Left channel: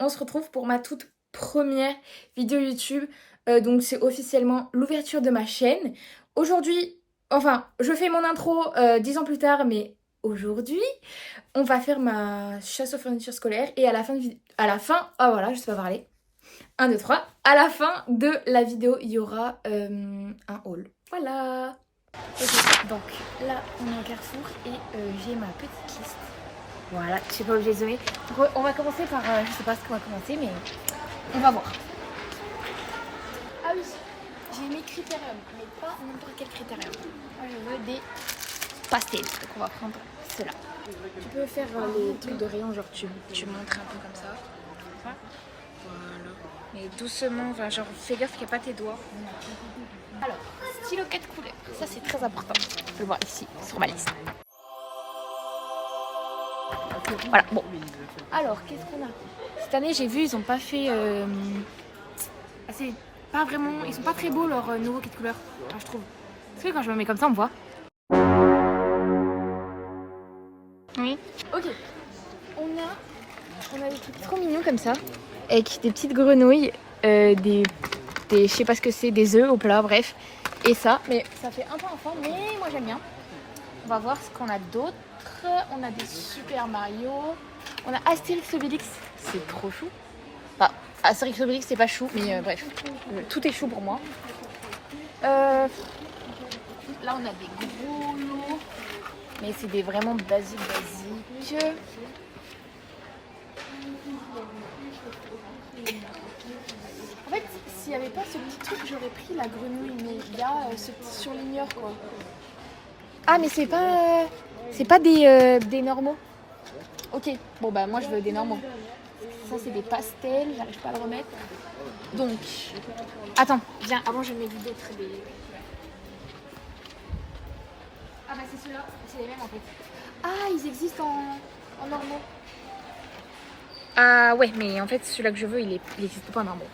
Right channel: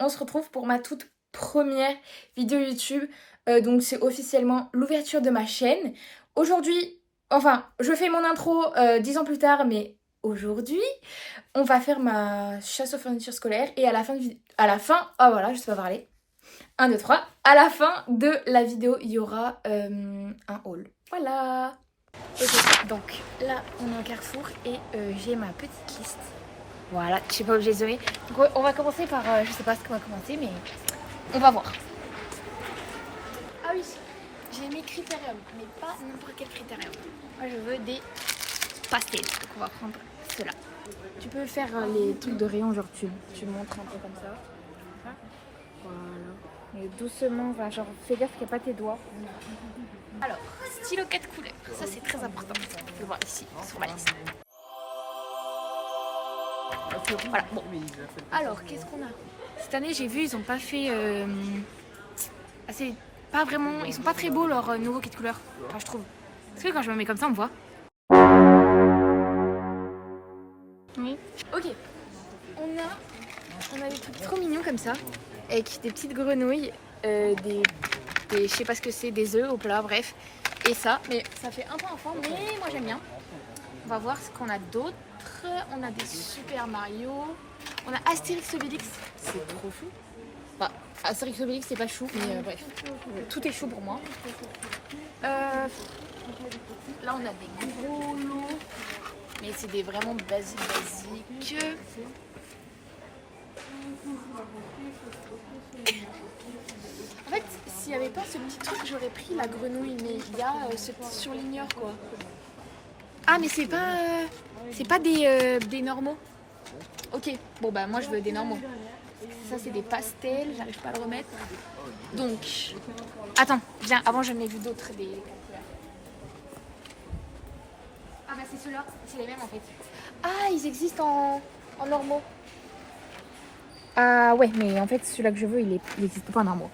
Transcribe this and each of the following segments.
on se retrouve pour ma toute première vidéo YouTube. Donc c'est officiellement l'ouverture de ma chaîne. Aujourd'hui, enfin, je fais mon intro 10 ans plus tard, mais aujourd'hui, on va faire ma chasse aux fournitures scolaires. Et à la fin, ah voilà, je sais pas parler. 1, 2, 3. À la fin de la vidéo, il y aura un haul. Voilà. Ok, donc là, on est au Carrefour et j'ai ma petite liste. Voilà, je suis pas obligée de zoomer. Donc on va commencer par, je sais pas ce qu'on va commencer, mais on va voir. Ah oui, j'ai mis critérium, mais pas n'importe quel critérium. Moi je veux des pastels, donc on va prendre ceux-là. Tu peux faire les trucs de rayon, genre tu montres un peu comme ça. Voilà. Mais doucement, enfin, genre fais gaffe qu'il n'y a pas tes doigts. Alors, stylo 4 couleurs, ça c'est très important. Je le vois ici, sur ma liste. Voilà, bon. Alors, qu'est-ce qu'on a? Cette année, j'ai vu, ils ont pas fait... assez... Pas vraiment... Ils sont pas très beaux, leurs nouveaux kits de couleurs. Enfin, je trouve. Est-ce que quand je me mets comme ça, on me voit? Oui. Ok. On a des trucs trop mignons comme ça. Avec des petites grenouilles. Je sais pas ce que c'est, des œufs au plat, bref. Et ça, mais ça fait un peu enfant, mais moi j'aime bien. On va voir ce qu'on a d'autre. On a des Super Mario. On a Astérix Obélix. C'est trop chou. Enfin, Astérix Obélix c'est pas chou, mais bref. Tout est chou pour moi. Là on a des gros lots. Mais c'est des vraiment basiques. En fait, s'il n'y avait pas ce petit truc, j'aurais pris la grenouille. Mais il y a ce petit surligneur quoi. Ah mais c'est pas des normaux. Ok, bon bah moi je veux des normaux. Ça c'est des pastels, j'arrive pas à le remettre. Donc, attends, viens, avant je mets d'autres des... Ah bah c'est ceux-là, c'est les mêmes en fait. Ah, ils existent en normaux. Ah ouais, mais en fait celui-là que je veux, il existe pas en normaux.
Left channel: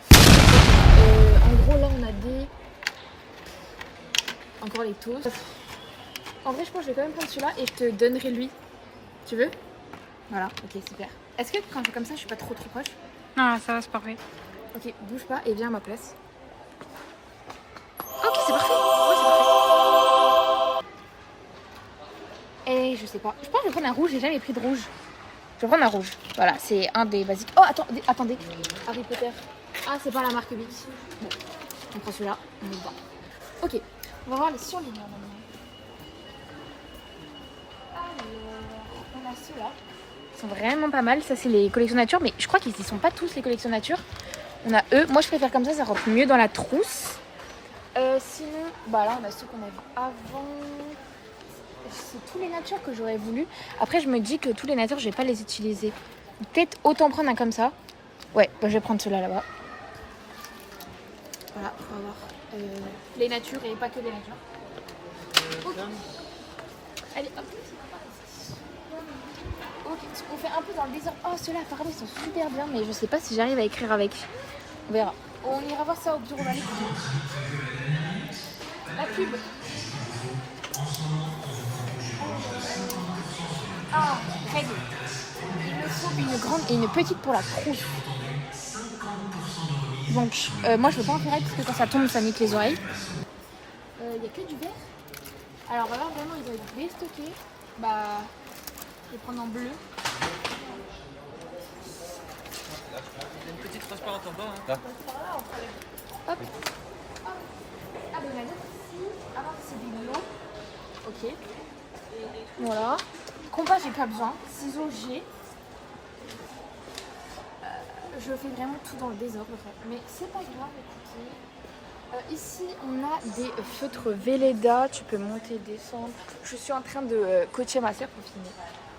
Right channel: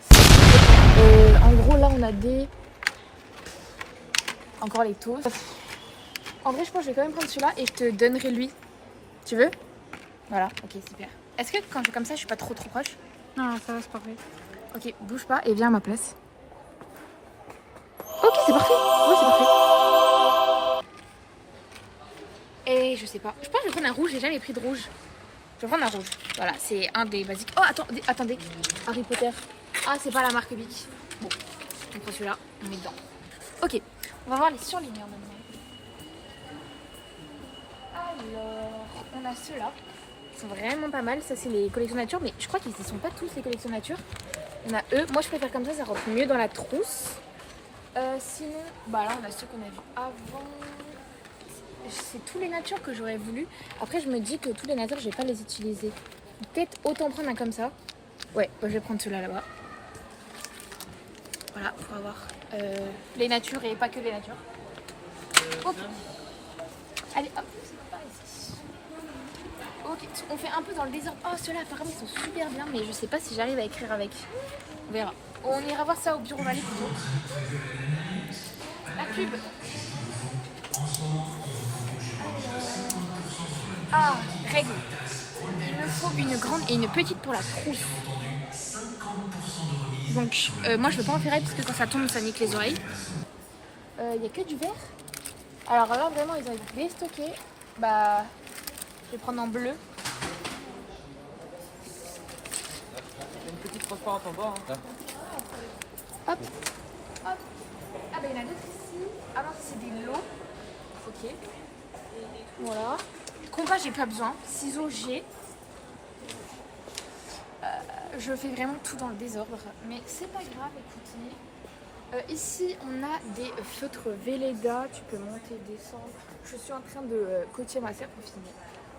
En gros là on a des... Encore les toasts. En vrai je pense que je vais quand même prendre celui-là et je te donnerai lui. Tu veux? Voilà, ok, super. Est-ce que quand je fais comme ça, je suis pas trop proche? Non, ça va, c'est parfait. Ok, bouge pas et viens à ma place. Ok, c'est parfait. Oh, c'est parfait. Et je sais pas. Je pense que je vais prendre un rouge, j'ai jamais pris de rouge. Je vais prendre un rouge. Voilà, c'est un des basiques. Oh, attendez. Harry Potter. Ah, c'est pas la marque Bic. Bon, on prend celui-là, on est dedans. Ok, on va voir les surligneurs maintenant. Alors, on a ceux-là. Ils sont vraiment pas mal. Ça, c'est les collections nature, mais je crois qu'ils ne sont pas tous les collections nature. On a eux. Moi, je préfère comme ça rentre mieux dans la trousse. Sinon, bah là, on a ceux qu'on a vus avant. C'est tous les natures que j'aurais voulu. Après, je me dis que tous les natures, je vais pas les utiliser. Peut-être autant prendre un comme ça. Ouais, bah, je vais prendre celui-là là-bas. Voilà, on va voir les natures et pas que les natures. Okay. Allez, hop. Ok, on fait un peu dans le désordre. Oh, ceux-là, apparemment, ils sont super bien, mais je sais pas si j'arrive à écrire avec. On verra. On ira voir ça au bureau Valais. La pub. Ah, règle. Il me faut une grande et une petite pour la trousse. Donc, moi, je veux pas en faire parce que quand ça tombe, ça nique les oreilles. Il y a que du vert. Alors là, vraiment, ils ont déstocké. Bah, je vais prendre en bleu. Une petite transparente en bas. Hein. Hop. Hop. Ah bah il y en a d'autres ici. Ah non, c'est des lots. Ok. Voilà. Compas, j'ai pas besoin. Ciseaux, j'ai. Je fais vraiment tout dans le désordre. Mais c'est pas grave, écoutez. Ici, on a des feutres Velleda. Tu peux monter, descendre. Je suis en train de coacher ma soeur pour finir.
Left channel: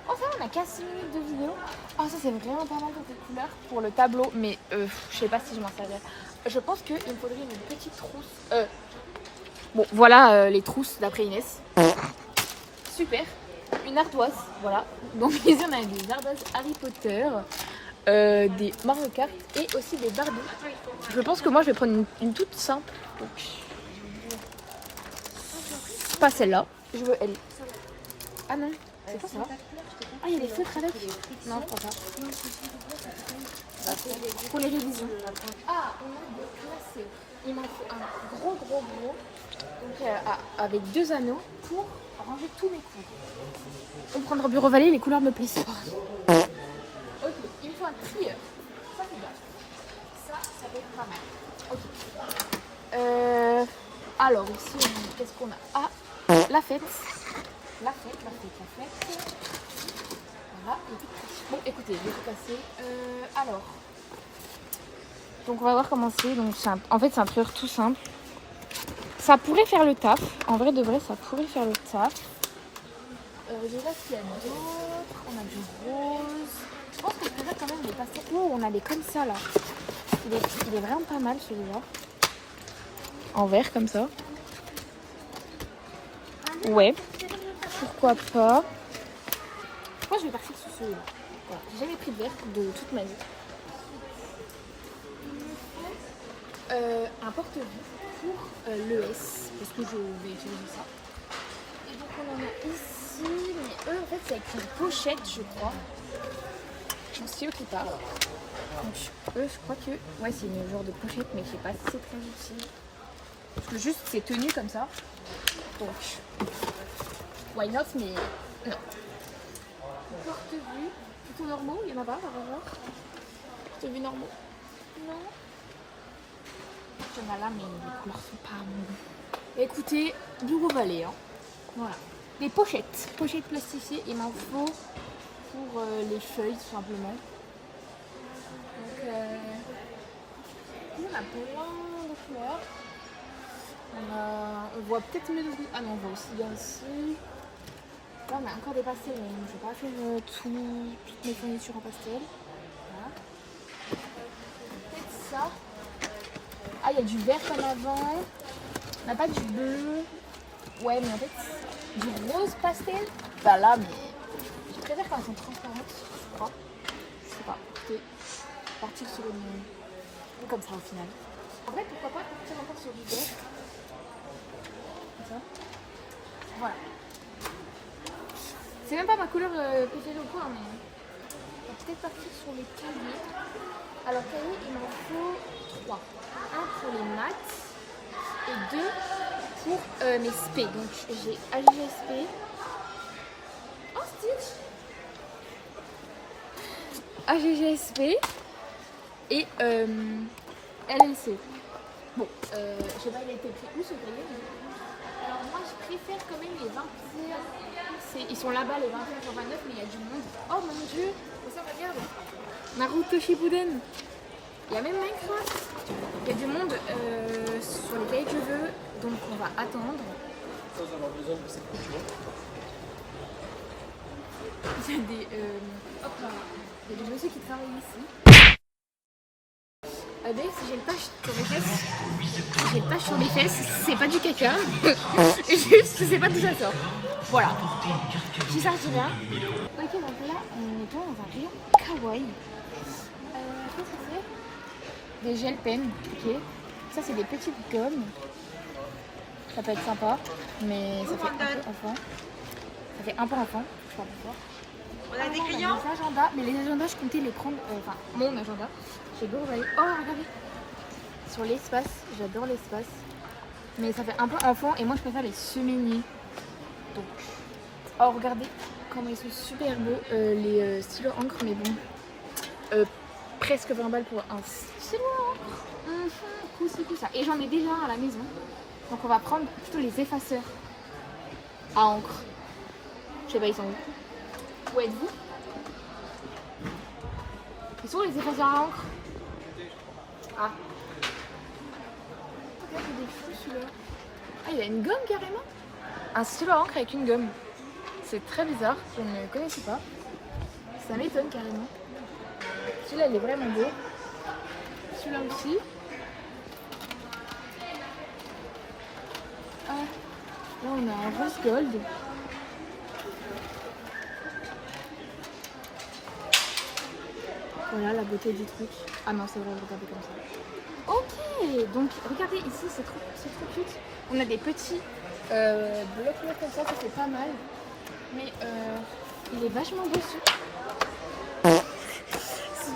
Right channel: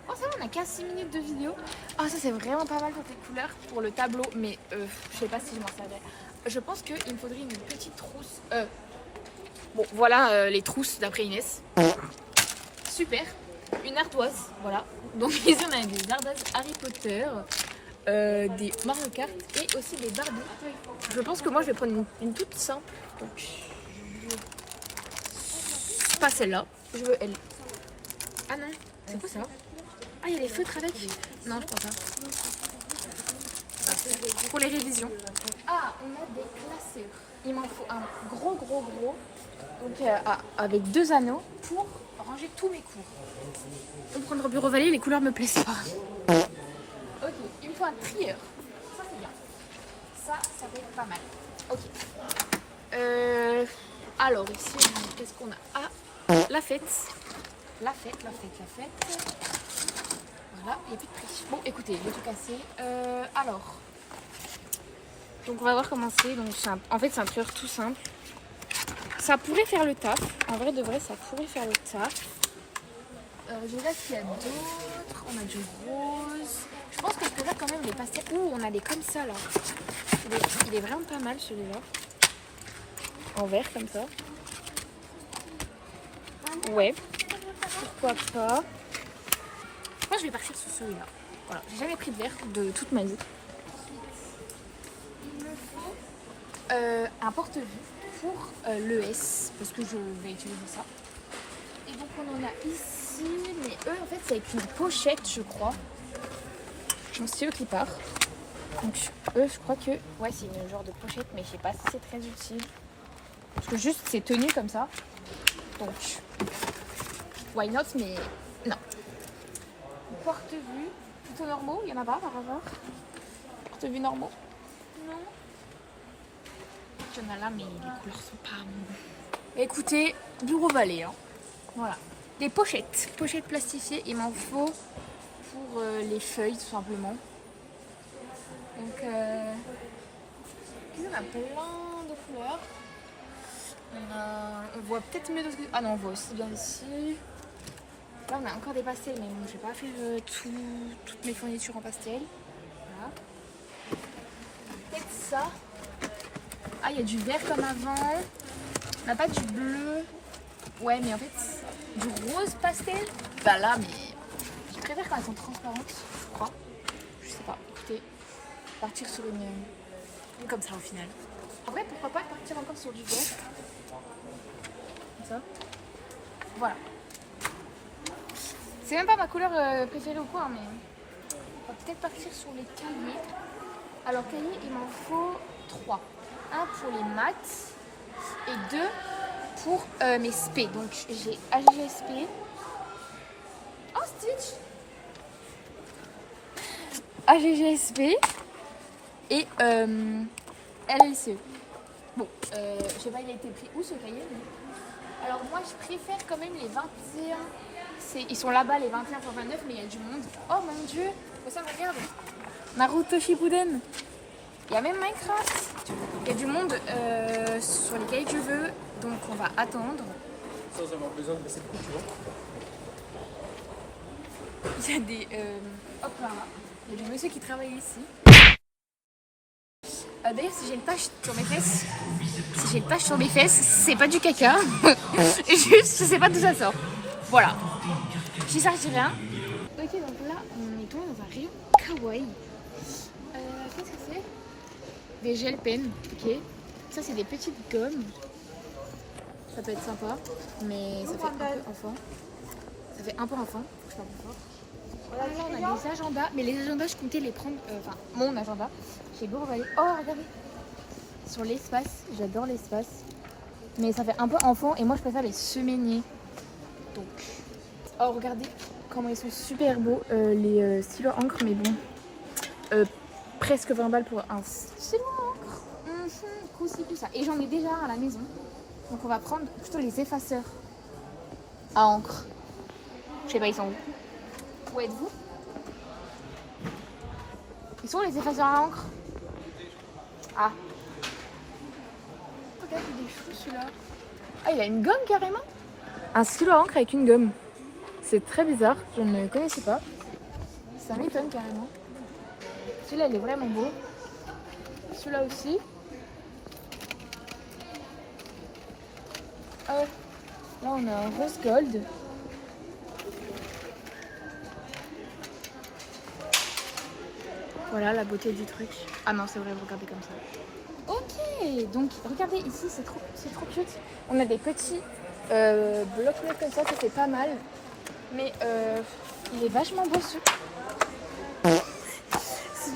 Oh, ça va, on a 15 minutes de vidéo. Ah, ça, c'est vraiment pas mal pour tes couleurs, pour le tableau. Mais je sais pas si je m'en servirai. Je pense qu'il me faudrait une petite trousse. Bon, voilà les trousses d'après Inès. Super. Une ardoise, voilà. Donc, ici, on a des ardoises Harry Potter, des Mario Kart et aussi des Barbie. Je pense que moi, je vais prendre une toute simple. Donc, pas celle-là. Je veux elle. Ah non, c'est pas ça. Ah, il y a des feutres avec. Non, je prends pas. pour les révisions. Ah, on a des classeurs. Il m'en faut un gros. Donc, avec 2 anneaux pour ranger tous mes cours. On prendre bureau Vallée, les couleurs me plaisent pas. Ok, il me faut un trieur. Ça c'est bien. Ça peut être pas mal. Ok. Alors ici, qu'est-ce qu'on a? Ah, la fête. Voilà, il n'y a plus de prix. Bon, écoutez, il est tout cassé. Alors, donc on va voir comment c'est. Donc, en fait, c'est un trieur tout simple. Ça pourrait faire le taf. En vrai de vrai, ça pourrait faire le taf. Je regarde s'il y a d'autres. On a du rose. Je pense que je pourrais quand même les pastels. Oh, on a des comme ça là. Il est vraiment pas mal celui-là. En vert comme ça. Ouais. Pourquoi pas. Je pense que je vais partir sur celui-là. Voilà. J'ai jamais pris de vert de toute ma vie. Il me faut un porte-vue pour l'ES. Parce que je vais utiliser ça. Et donc on en a ici. Mais eux en fait c'est avec une pochette je crois. Donc c'est eux qui partent. Donc eux je crois que ouais c'est une genre de pochette mais je sais pas si c'est très utile. Parce que juste c'est tenu comme ça. Donc why not mais non. Porte-vue plutôt normaux, il y en a pas par hasard. Porte-vue normaux. Non. Il y en a là mais les couleurs sont pas bonnes. Écoutez, bureau Vallée hein. Voilà. Des pochettes plastifiées, il m'en faut pour les feuilles tout simplement. Donc il y en a plein de couleurs. On voit peut-être mieux. Ah non, on voit aussi bien ici. Là on a encore des pastels, mais je vais pas faire toutes mes fournitures en pastel. Voilà. Peut-être ça. Ah, il y a du vert comme avant. On n'a pas du bleu. Ouais, mais en fait, du rose pastel. Bah là, mais je préfère quand elles sont transparentes, je crois. Je sais pas. Écoutez, partir sur une comme ça au final. En vrai, pourquoi pas partir encore sur du vert. Comme ça. Voilà. C'est même pas ma couleur préférée au point, mais on va peut-être partir sur les cahiers. Alors, cahiers, il m'en faut 3. Un pour les maths et 2 pour mes SP. Donc, j'ai AGGSP. Oh, Stitch! AGGSP et LLCE. Bon, je sais pas, il a été pris où ce cahier? Alors, moi, je préfère quand même les 21. Ils sont là-bas les 21 sur 29 mais il y a du monde. Oh mon dieu, ça regarde. Naruto Shippuden. Il y a même Minecraft. Il y a du monde sur les cahiers de jeux. Donc on va attendre. Il y a des... hop là. Il y a des messieurs qui travaillent ici. D'ailleurs si j'ai une tache sur mes fesses. Si j'ai une tache sur mes fesses, c'est pas du caca. Juste je sais pas d'où ça sort. Voilà. Si ça retire rien. Ok, donc là, on est dans un rayon kawaii. Qu'est-ce que c'est? Des gel pens, ok. Ça, c'est des petites gommes. Ça peut être sympa, mais ça fait un peu enfant. Ça fait un peu enfant, je sais pas pourquoi. On a des crayons. Les agendas, mais les agendas, je comptais les prendre, enfin, mon agenda. J'ai beau regarder. Oh, regardez. Sur l'espace, j'adore l'espace. Mais ça fait un peu enfant et moi, je préfère les semainiers. Donc... Oh, regardez comment ils sont super beaux, les stylos encre, mais bon, presque 20 balles pour un stylo encre. Coup ça. Et j'en ai déjà à la maison, donc on va prendre plutôt les effaceurs à encre. Je sais pas, ils sont où? Où êtes-vous? Ils sont les effaceurs à encre? Ah. Regarde, il est fou celui-là. Ah, il a une gomme carrément? Un stylo à encre avec une gomme. C'est très bizarre, je ne connaissais pas. Ça m'étonne carrément. Celui-là, il est vraiment beau. Celui-là aussi. Ouais. Là, on a un rose gold. Voilà la beauté du truc. Ah non, c'est vrai, regardez comme ça. Ok, donc regardez ici, c'est trop cute. On a des petits blocs comme ça c'est pas mal. Mais il est vachement beau celui.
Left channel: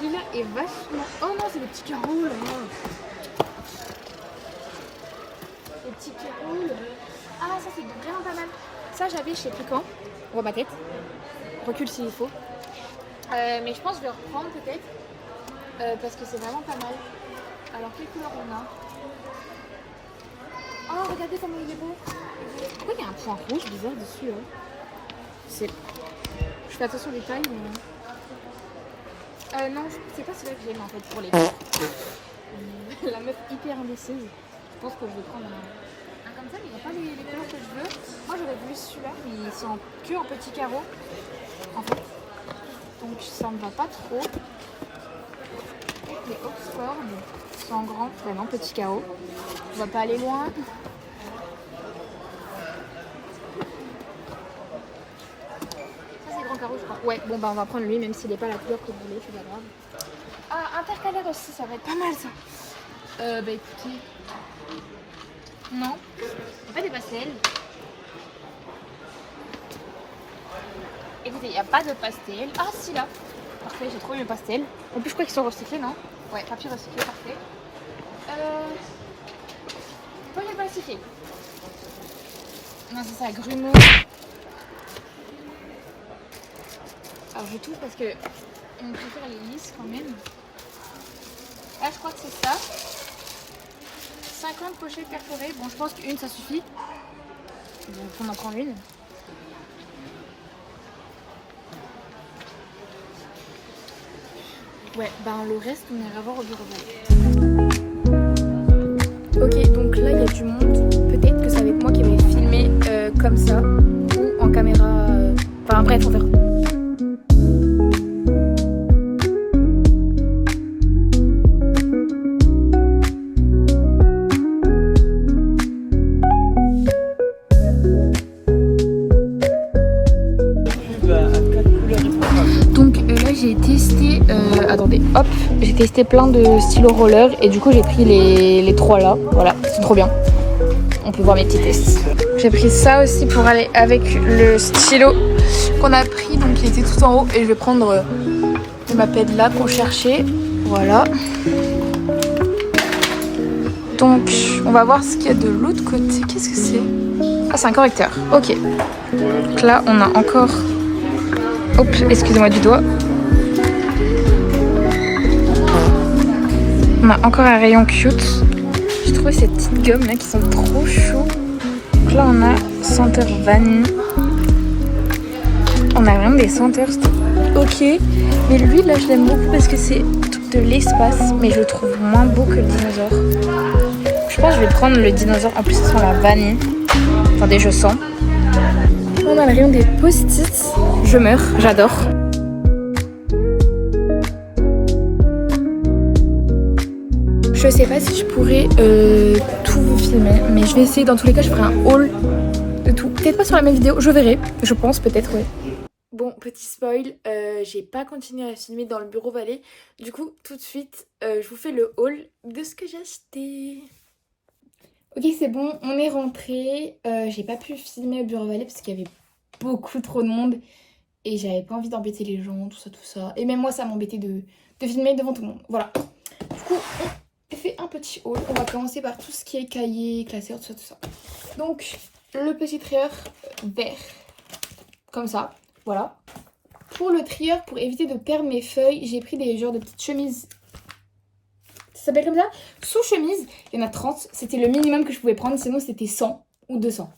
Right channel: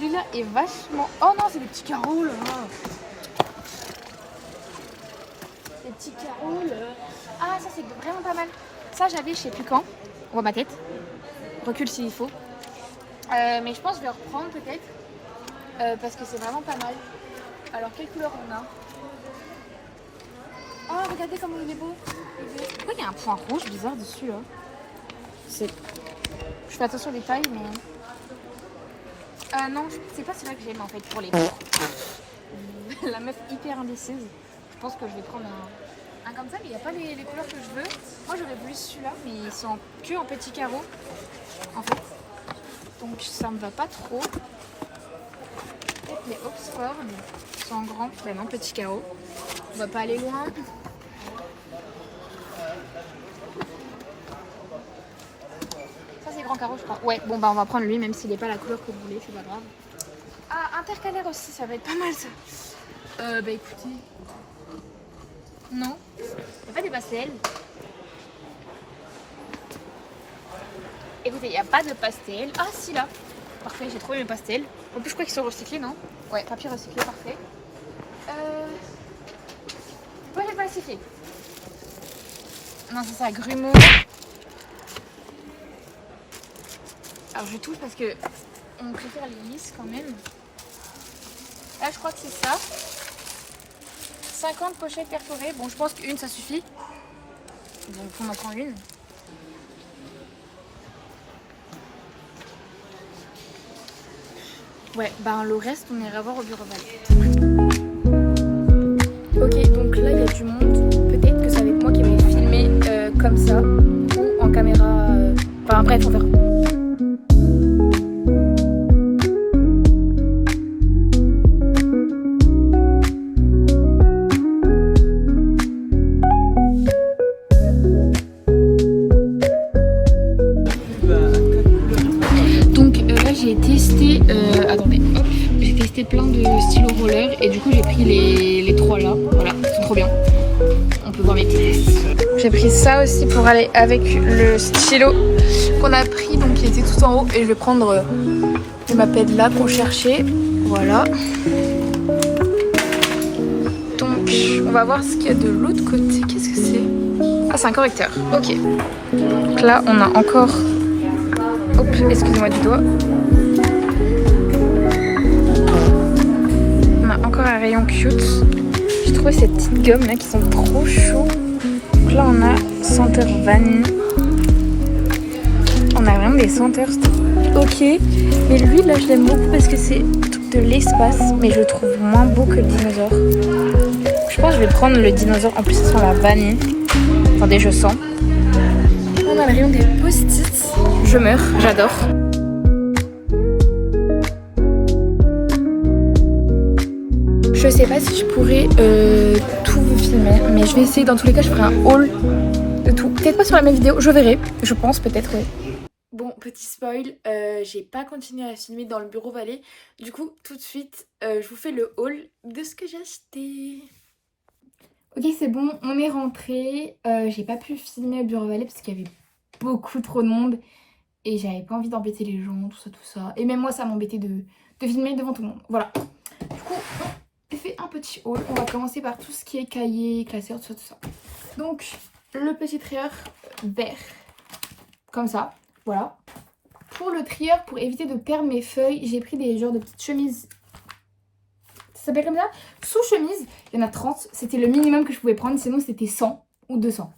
celui-là est vachement... Oh non, c'est des petits carreaux là. Les petits carreaux là. Ah, ça c'est vraiment pas mal. Ça j'avais je sais plus quand. On voit ma tête. Recule s'il faut. Mais je pense que je vais le reprendre peut-être. Parce que c'est vraiment pas mal. Alors quelle couleur on a? Oh regardez comment il est beau. Pourquoi il y a un point rouge bizarre dessus là? Je fais attention aux détails mais... non, c'est pas celui-là que j'aime en fait pour les cours. La meuf hyper indécise. Je pense que je vais prendre un comme ça, mais il n'y a pas les couleurs que je veux. Moi j'aurais voulu celui-là, mais ils sont que en petits carreaux en fait. Donc ça me va pas trop. Peut-être les Oxford sont en grand, mais non, petits carreaux. On va pas aller loin. Carreau, je crois. Ouais, bon bah on va prendre lui même s'il n'est pas la couleur que vous voulez, c'est pas grave. Ah, intercalaire aussi, ça va être pas mal ça. Bah écoutez. Non, il n'y a pas des pastels. Écoutez, il n'y a pas de pastel. Ah si là. Parfait, j'ai trouvé mes pastels. En plus je crois qu'ils sont recyclés, non? Ouais, papier recyclé, parfait. Pourquoi j'ai pas recyclé? Non, c'est ça, grumeaux. Alors je touche parce que on préfère les lisses quand même. Là je crois que c'est ça. 50 pochettes perforées. Bon je pense qu'une ça suffit. Donc on en prend une. Ouais, ben le reste on ira voir au bureau Vallée. Ok, donc là il y a du monde. Peut-être que ça va être moi qui vais filmer comme ça. Ou en caméra. Enfin bref, on verra. J'ai testé, attendez, hop, j'ai testé plein de stylos roller et du coup j'ai pris les trois là, voilà, c'est trop bien. On peut voir mes petits tests. J'ai pris ça aussi pour aller avec le stylo qu'on a pris, donc il était tout en haut et je vais prendre le Maped là qu'on cherchait, voilà. Donc on va voir ce qu'il y a de l'autre côté, qu'est-ce que c'est? Ah c'est un correcteur, ok. Donc là on a encore, hop, excusez-moi du doigt. On a encore un rayon cute. J'ai trouvé ces petites gommes là qui sont trop chauds. Donc là on a senteur vanille. On a vraiment des senteurs. Ok. Mais lui là je l'aime beaucoup parce que c'est tout de l'espace. Mais je le trouve moins beau que le dinosaure. Je pense que je vais prendre le dinosaure. En plus ça sent la vanille. Attendez, je sens. On a le rayon des post-it. Je meurs, j'adore. Je sais pas si je pourrais tout vous filmer, mais je vais essayer. Dans tous les cas, je ferai un haul de tout. Peut-être pas sur la même vidéo, je verrai. Je pense, peut-être, ouais. Bon, petit spoil, j'ai pas continué à filmer dans le bureau Vallée. Du coup, tout de suite, je vous fais le haul de ce que j'ai acheté. Ok, c'est bon, on est rentré. J'ai pas pu filmer au bureau Vallée parce qu'il y avait beaucoup trop de monde. Et j'avais pas envie d'embêter les gens, tout ça, tout ça. Et même moi, ça m'embêtait de filmer devant tout le monde. Voilà. Du coup, j'ai fait un petit haul. On va commencer par tout ce qui est cahier, classeur, tout ça, tout ça. Donc, le petit trieur vert. Comme ça. Voilà. Pour le trieur, pour éviter de perdre mes feuilles, j'ai pris des genres de petites chemises. Ça s'appelle comme ça? Sous-chemise. Il y en a 30. C'était le minimum que je pouvais prendre. Sinon, c'était 100 ou 200.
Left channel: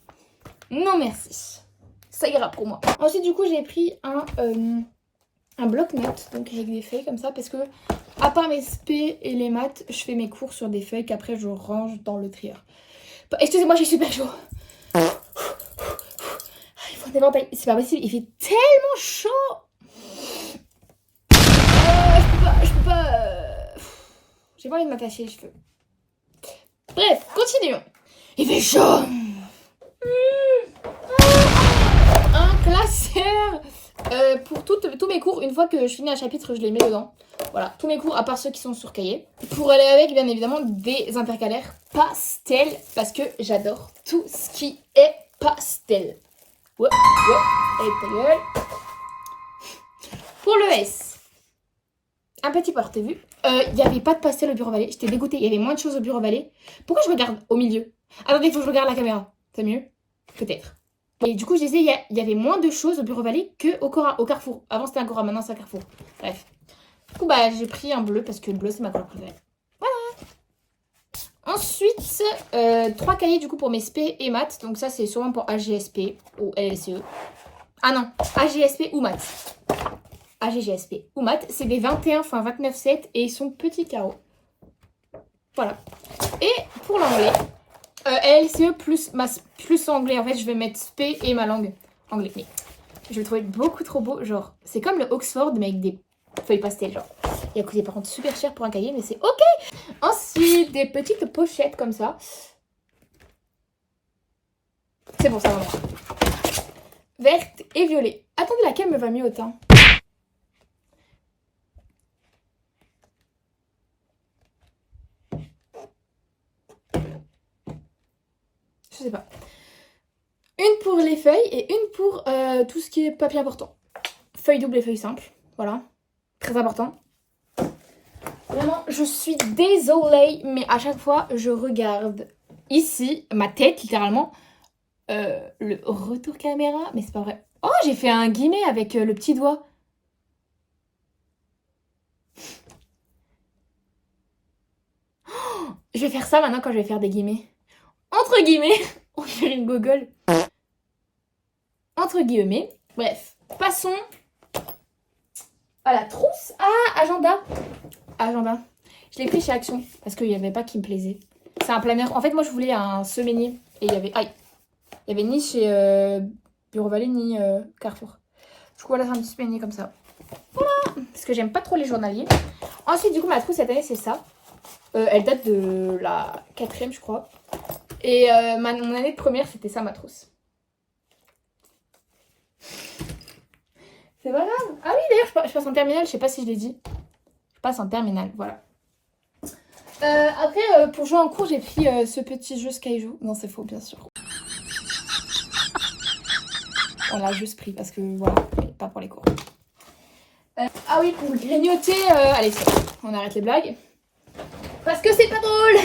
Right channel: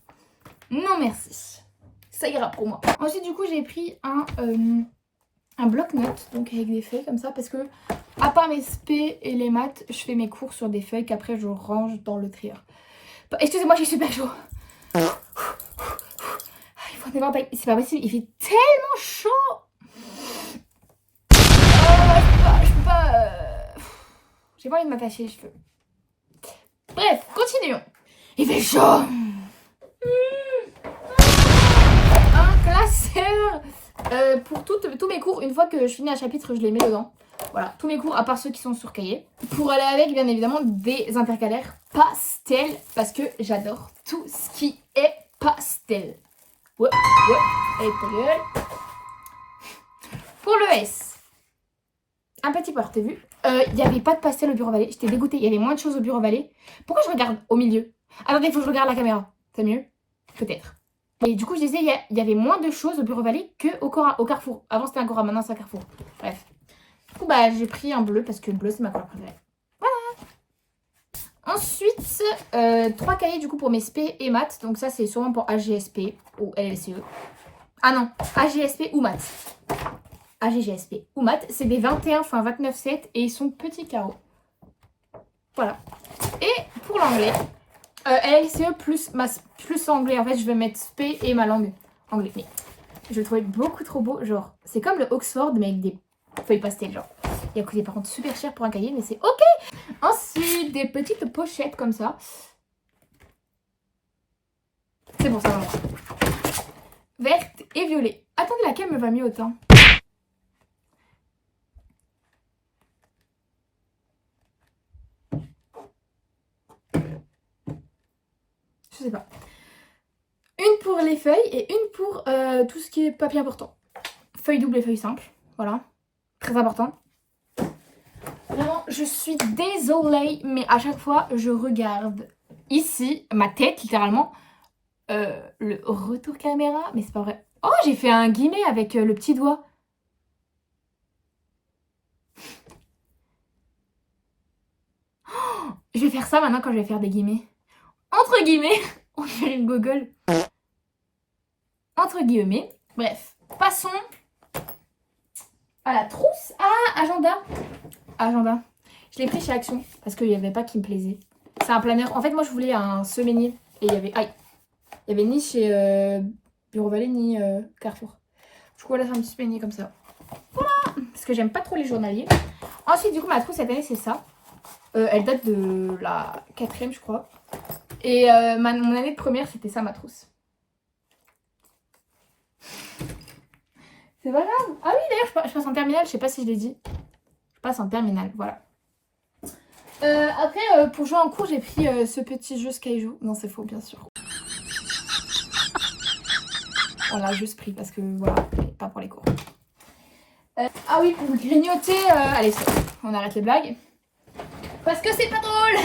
Non, merci. Ça ira pour moi. Ensuite, du coup, j'ai pris un bloc-notes. Donc, avec des feuilles comme ça. Parce que, à part mes SP et les maths, je fais mes cours sur des feuilles qu'après, je range dans le trieur. Excusez-moi, j'ai super chaud. Il faut un éventail. C'est pas possible. Il fait tellement chaud. Je peux pas. J'ai pas envie de m'attacher les cheveux. Bref, continuons. Il fait chaud. Un classeur pour tous mes cours. Une fois que je finis un chapitre, je les mets dedans. Voilà, tous mes cours, à part ceux qui sont sur cahier. Pour aller avec, bien évidemment, des intercalaires pastel. Parce que j'adore tout ce qui est pastel. Ouais, avec ta gueule. Pour le S. un petit porte-vue. Il n'y avait pas de pastel au Bureau Vallée. J'étais dégoûtée. Il y avait moins de choses au Bureau Vallée. Pourquoi je regarde au milieu? Attendez, il faut que je regarde la caméra. C'est mieux? Peut-être. Et du coup, je disais, il y avait moins de choses au Bureau Vallée qu'au au Carrefour. Avant, c'était un Cora, maintenant, c'est un Carrefour. Bref. Du coup, bah, j'ai pris un bleu parce que le bleu, c'est ma couleur préférée. Voilà. Ensuite, 3 cahiers, du coup, pour mes SP et maths. Donc ça, c'est sûrement pour AGSP ou LLCE. Ah non, AGSP ou maths. AGGSP ou maths. C'est des 21 x 29,7 et ils sont petits carreaux. Voilà. Et pour l'anglais, LLCE plus anglais. En fait, je vais mettre SP et ma langue anglais. Mais je le trouvais beaucoup trop beau. Genre, c'est comme le Oxford, mais avec des feuilles pastel. Genre, il a coûté par contre super cher pour un cahier, mais c'est ok. Ensuite, des petites pochettes comme ça. C'est bon, ça va. Verte et violet. Attendez, laquelle me va mieux au teint? Je sais pas. Une pour les feuilles et une pour tout ce qui est papier important. Feuille double et feuille simple. Voilà. Très important. Vraiment, je suis désolée, mais à chaque fois, je regarde ici, ma tête, littéralement, le retour caméra. Mais c'est pas vrai. Oh, j'ai fait un guillemet avec le petit doigt. Oh, je vais faire ça maintenant quand je vais faire des guillemets. Entre guillemets, on dirait une gogole. Entre guillemets. Bref, passons à la trousse. Ah, agenda. Agenda. Je l'ai pris chez Action parce qu'il n'y avait pas qui me plaisait. C'est un planeur. En fait, moi, je voulais un semainier. Et il y avait... Aïe. Il y avait ni chez Bureau Vallée ni Carrefour. Du coup, voilà, j'ai un petit semainier comme ça. Voilà. Parce que j'aime pas trop les journaliers. Ensuite, du coup, ma trousse cette année, c'est ça. Elle date de la 4e, je crois. Et mon année de première, c'était ça, ma trousse. C'est pas grave. Ah oui, d'ailleurs, je passe en terminale. Je sais pas si je l'ai dit. Je passe en terminale, voilà. Après, pour jouer en cours, j'ai pris ce petit jeu Skyjou. Non, c'est faux, bien sûr. On l'a juste pris parce que, voilà, pas pour les cours. Ah oui, pour grignoter... allez, on arrête les blagues. Parce que c'est pas drôle.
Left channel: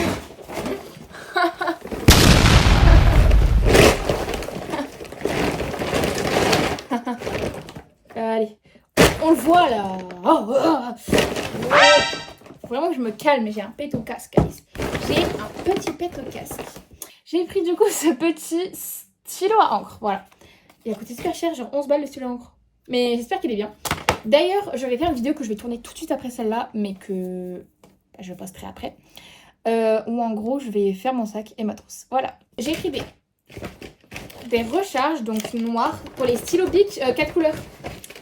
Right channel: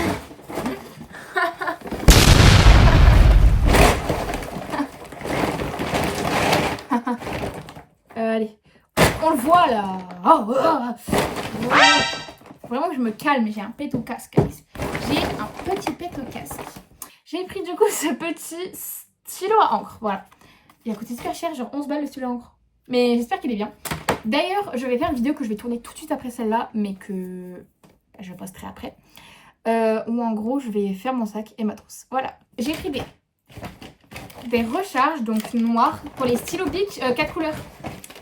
Allez, on le voit là. Vraiment, je me calme. J'ai un pet au casque. J'ai un petit pet au casque. J'ai pris du coup ce petit stylo à encre. Voilà. Il a coûté super cher, genre 11 balles le stylo à encre. Mais j'espère qu'il est bien. D'ailleurs, je vais faire une vidéo que je vais tourner tout de suite après celle-là, mais que je posterai après. Où en gros, je vais faire mon sac et ma trousse. Voilà. J'ai pris des recharges, donc noires, pour les stylos Bic 4 couleurs.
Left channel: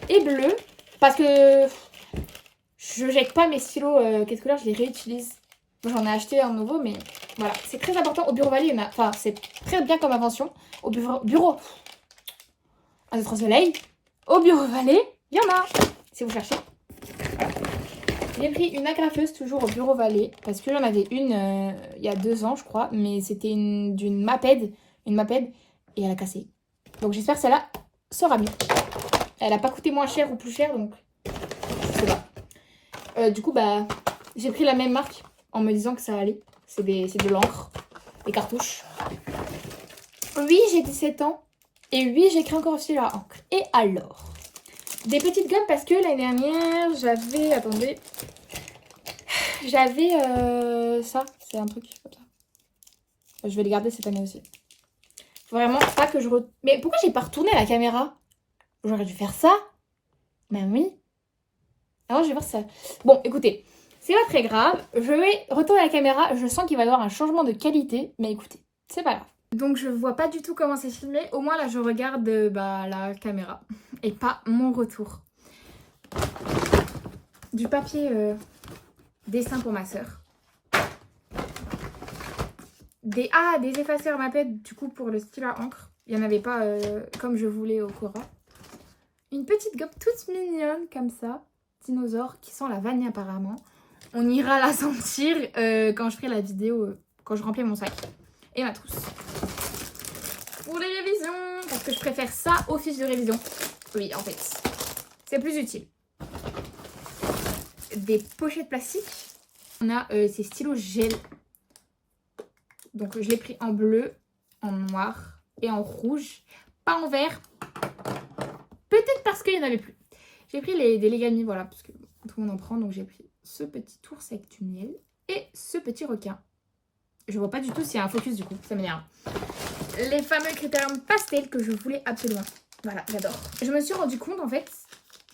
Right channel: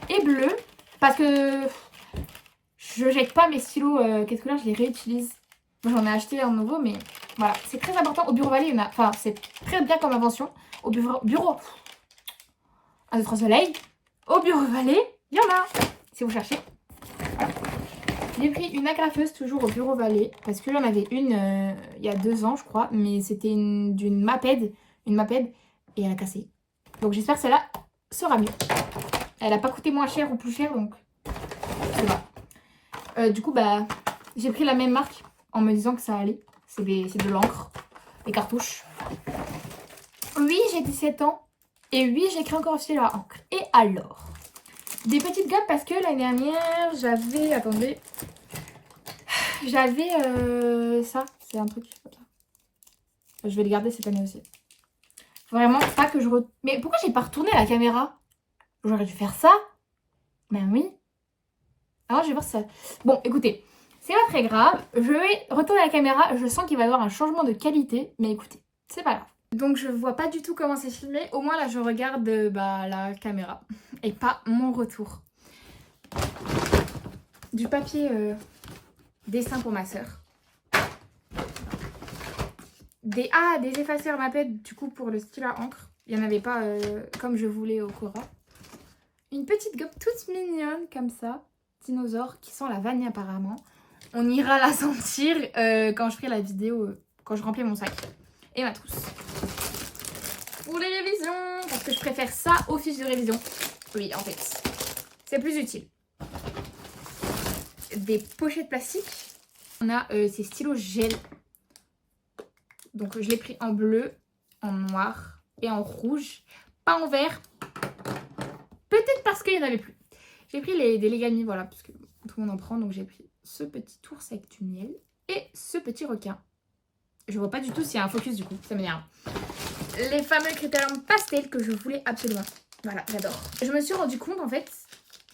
Et bleu, parce que je jette pas mes stylos 4 couleurs, je les réutilise. J'en ai acheté un nouveau, mais voilà. C'est très important. Au Bureau Vallée, enfin, c'est très bien comme invention. Au bureau... Un autre soleil. Au Bureau Vallée, il y en a, si vous cherchez. Voilà. J'ai pris une agrafeuse toujours au Bureau Vallée, parce que j'en avais une il y a 2 ans, je crois, mais c'était d'une Maped, et elle a cassé. Donc j'espère que celle-là sera mieux. Elle n'a pas coûté moins cher ou plus cher, donc je sais pas. Du coup, bah, j'ai pris la même marque en me disant que ça allait. C'est de l'encre, des cartouches. Oui, j'ai 17 ans. Et oui, j'écris encore aussi à encre. Et alors, des petites gommes parce que l'année dernière, j'avais... Attendez. J'avais ça. C'est un truc comme ça. Je vais le garder cette année aussi. Vraiment pas que je... Mais pourquoi j'ai pas retourné à la caméra? J'aurais dû faire ça. Ben oui. Alors je vais voir ça. Bon, écoutez. C'est pas très grave. Je vais retourner à la caméra. Je sens qu'il va y avoir un changement de qualité. Mais écoutez, c'est pas grave. Donc je vois pas du tout comment c'est filmé. Au moins là je regarde la caméra. Et pas mon retour. Du papier dessin pour ma soeur. Des effaceurs Maped du coup pour le stylo à encre. Il n'y en avait pas comme je voulais au Cora. Une petite gomme toute mignonne comme ça. Dinosaure qui sent la vanille apparemment. On ira la sentir quand je ferai la vidéo, quand je remplis mon sac. Et ma trousse. Pour les révisions, parce que je préfère ça aux fiches de révision. Oui, en fait, c'est plus utile. des pochettes plastiques. On a ces stylos gel. Donc je l'ai pris en bleu, en noir et en rouge. Pas en vert. Peut-être parce qu'il n'y en avait plus. J'ai pris des Legami, voilà, parce que tout le monde en prend. Donc j'ai pris ce petit ours avec du miel et ce petit requin. Je vois pas du tout s'il y a un focus du coup, ça m'énerve. Les fameux critériums pastel que je voulais absolument. Voilà, j'adore. Je me suis rendu compte en fait,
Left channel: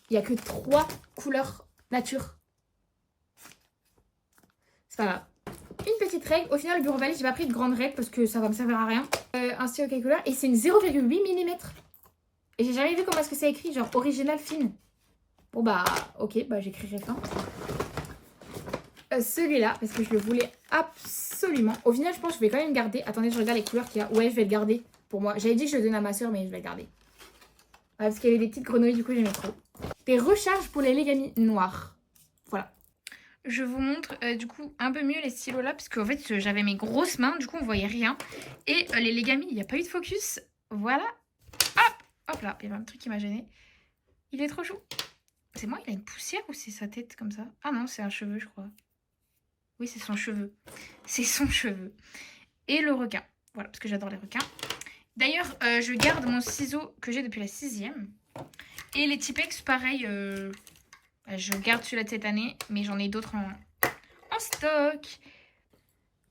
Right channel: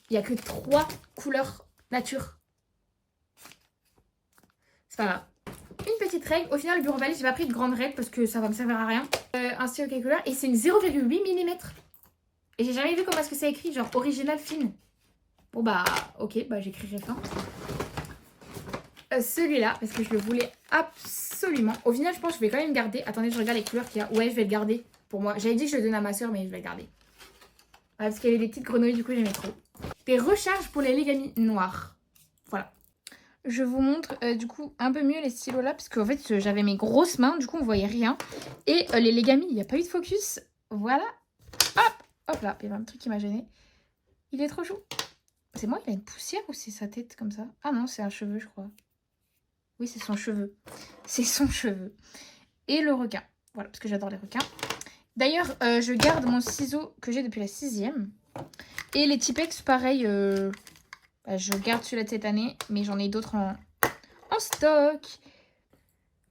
il n'y a que 3 couleurs nature. C'est pas grave. Une petite règle, au final le Bureau Valise, j'ai pas pris de grande règle parce que ça va me servir à rien. Un stylo calculateur et c'est une 0,8 mm. Et j'ai jamais vu comment est-ce que c'est écrit, genre original fine. Bon bah ok, bah j'écrirai fin. Celui-là, parce que je le voulais absolument. Au final, je pense que je vais quand même garder. Attendez, je regarde les couleurs qu'il y a. Ouais, je vais le garder pour moi. J'avais dit que je le donnais à ma soeur, mais je vais le garder. Parce qu'il y avait des petites grenouilles, du coup, j'aimais trop. Des recharges pour les Legami noirs. Voilà. Je vous montre du coup un peu mieux les stylos là, parce qu'en fait, j'avais mes grosses mains, du coup, on voyait rien. Et les Legami, il n'y a pas eu de focus. Voilà. Hop, hop là, il y avait un truc qui m'a gêné. Il est trop chou. C'est moi, il a une poussière ou c'est sa tête comme ça? Ah non, c'est un cheveu, je crois. Oui, c'est son cheveu. C'est son cheveu. Et le requin. Voilà, parce que j'adore les requins. D'ailleurs, je garde mon ciseau que j'ai depuis la 6e. Et les Tipex, pareil. Je garde celui-là de cette année. Mais j'en ai d'autres en stock.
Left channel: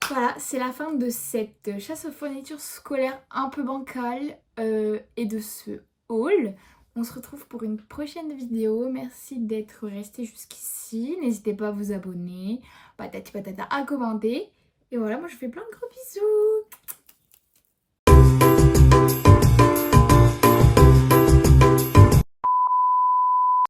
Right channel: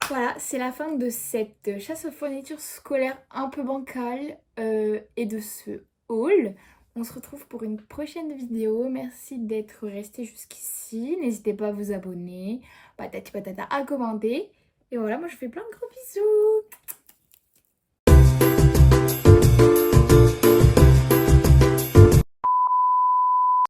Voilà, c'est la fin de cette chasse aux fournitures scolaires un peu bancale. Et de ce haul. On se retrouve pour une prochaine vidéo. Merci d'être resté jusqu'ici. N'hésitez pas à vous abonner, patati patata, à commenter. Et voilà, moi je vous fais plein de gros bisous.